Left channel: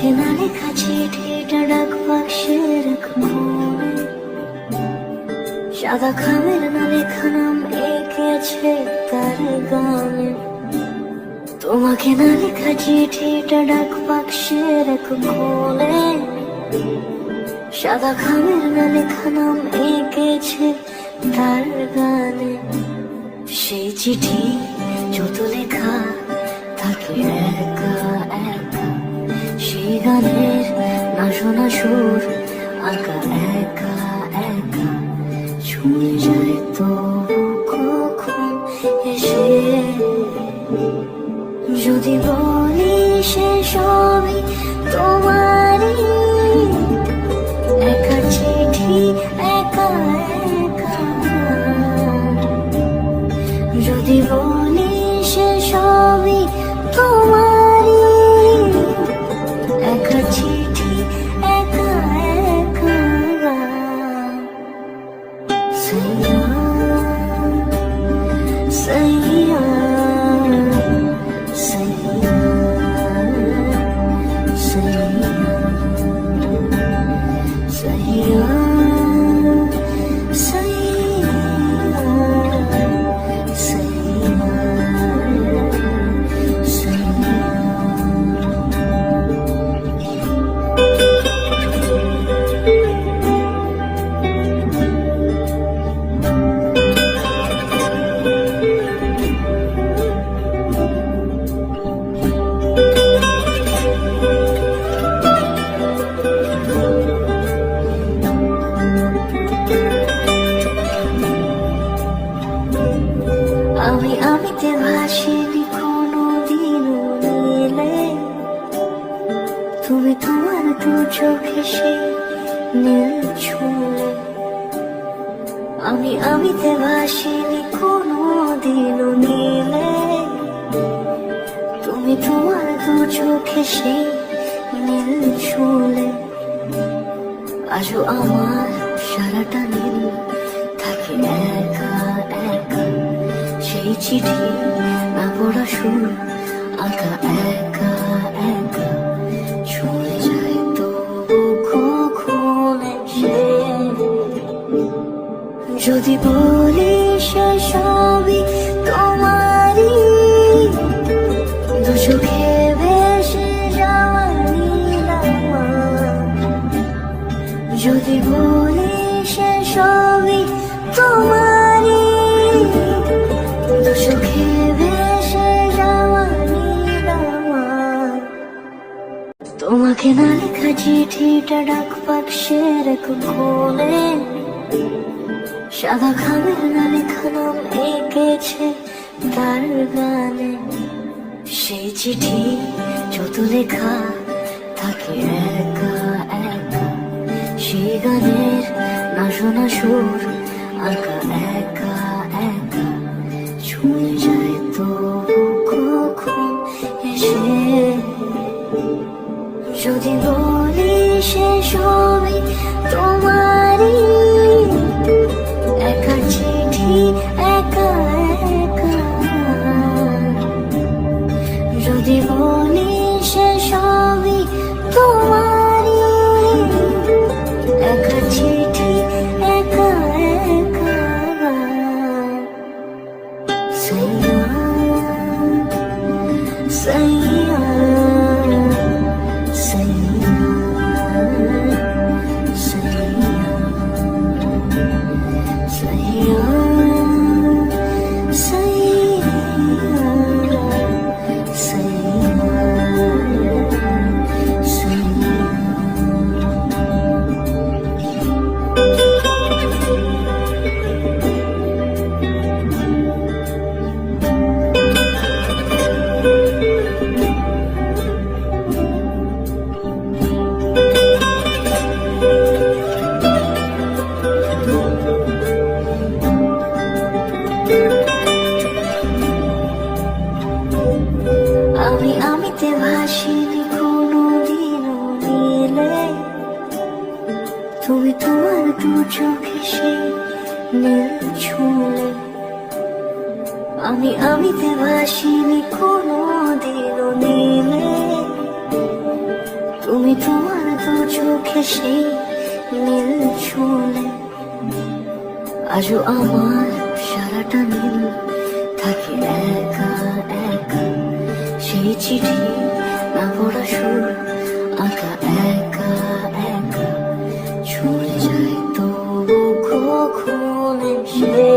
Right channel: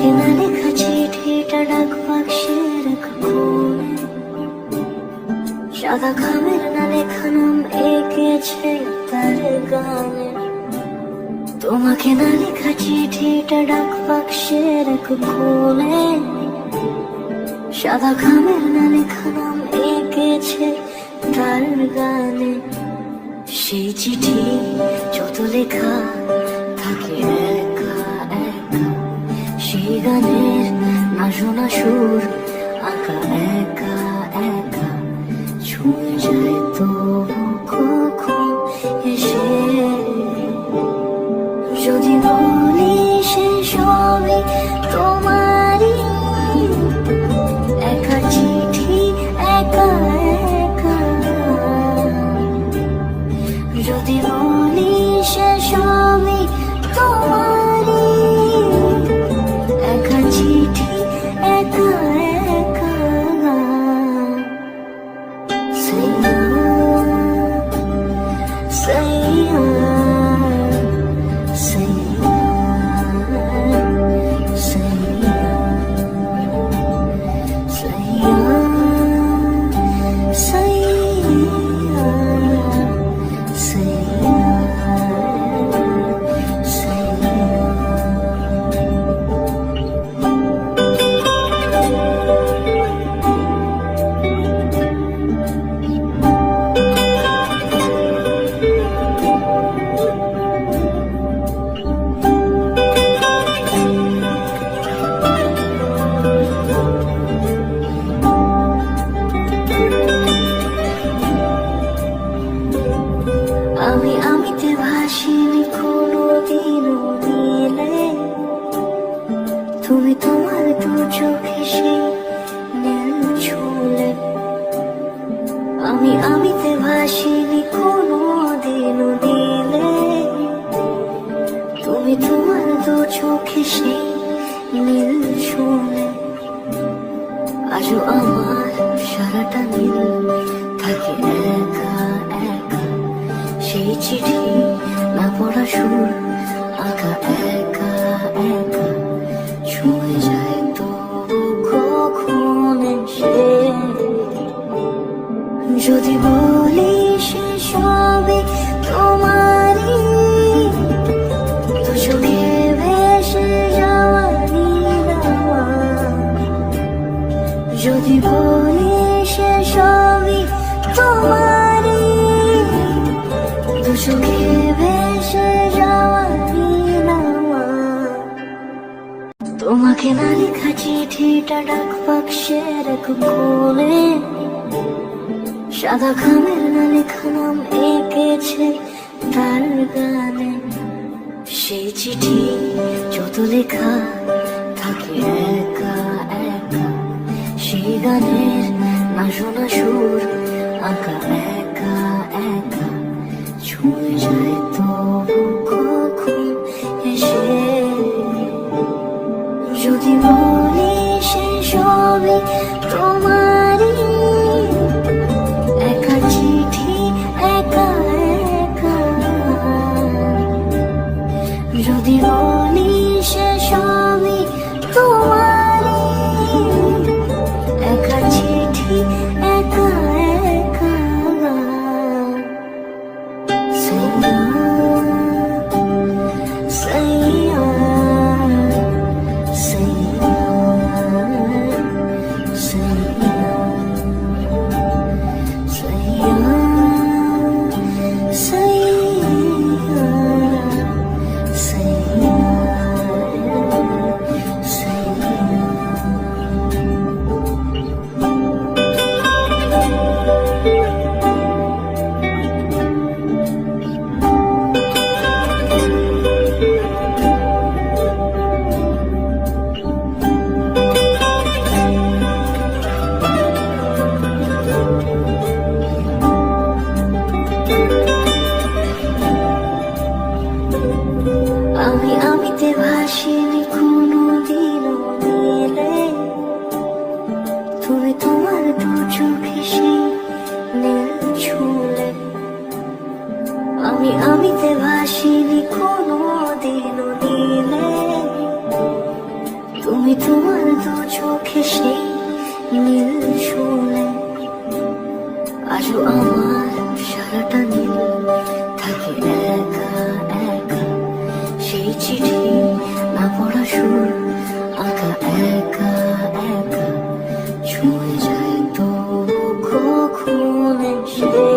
তোমাকে না লেখা চিঠিটা ডাক বাক্সের এক কোণে, সাদা খামের না লেখা নাম এঁকেছে তার গানে। তোমাকে না লেখা চিঠিটা ডাক বাক্সের এক কোণে, সাদা খামের না লেখা নাম এঁকেছে তার গানে। সেই চিঠি যত লেখা থাকে একা একা, সেই গানের না শোনা সুর আঁকা একা একা, ছুঁয়ে যায় তবু কখন এসে। যদি বলি সে সবই তোমারই, একা চিঠি একা একা। যদি বলি সে সবই তোমারই, একা চিঠি একা একা। সাইয়া সাইয়া সাইয়া সাইয়া আমি আমিতে ভাসিনি কোনোদিনও নীলে, তুমি তোমার দু চোখে সে নীল ছুঁলে। আমি আমিতে ভাসিনি কোনোদিনও নীলে, তুমি তোমার দু চোখে সে নীল ছুঁলে। আজও আমার সারাটা নীল থাকে একা একা, সেই চিঠি না পড়া সুর আঁকা একা একা, ছুঁয়ে যায় তবু কখন এসে। যদি বলি সে সবই তোমারই, দু চোখে ভেসে যাওয়া নীলামা। যদি বলি সে সবই তোমারই, দু চোখে ভেসে যাওয়া নীলামা। তোমাকে না লেখা চিঠিটা ডাক বাক্সের এক কোণে, সাদা খামের না লেখা নাম এঁকেছে তার গানে। সেই চিঠি যত লেখা থাকে একা একা, সেই গানের না শোনা সুর আঁকা একা একা, ছুঁয়ে যায় তবু কখন এসে। যদি বলি সে সবই তোমারই, একা চিঠি একা একা। যদি বলি সে সবই তোমারই, একা চিঠি একা একা। সাইয়া সাইয়া সাইয়া সাইয়া। তুমি তোমার দু চোখে সেই নীল ছুঁলে আজও আমার সারাটা দিন থাকে একা একা, সেই চিঠি না পড়া সুর আঁকা একা একা, ছুঁয়ে যায় তো কখনো সে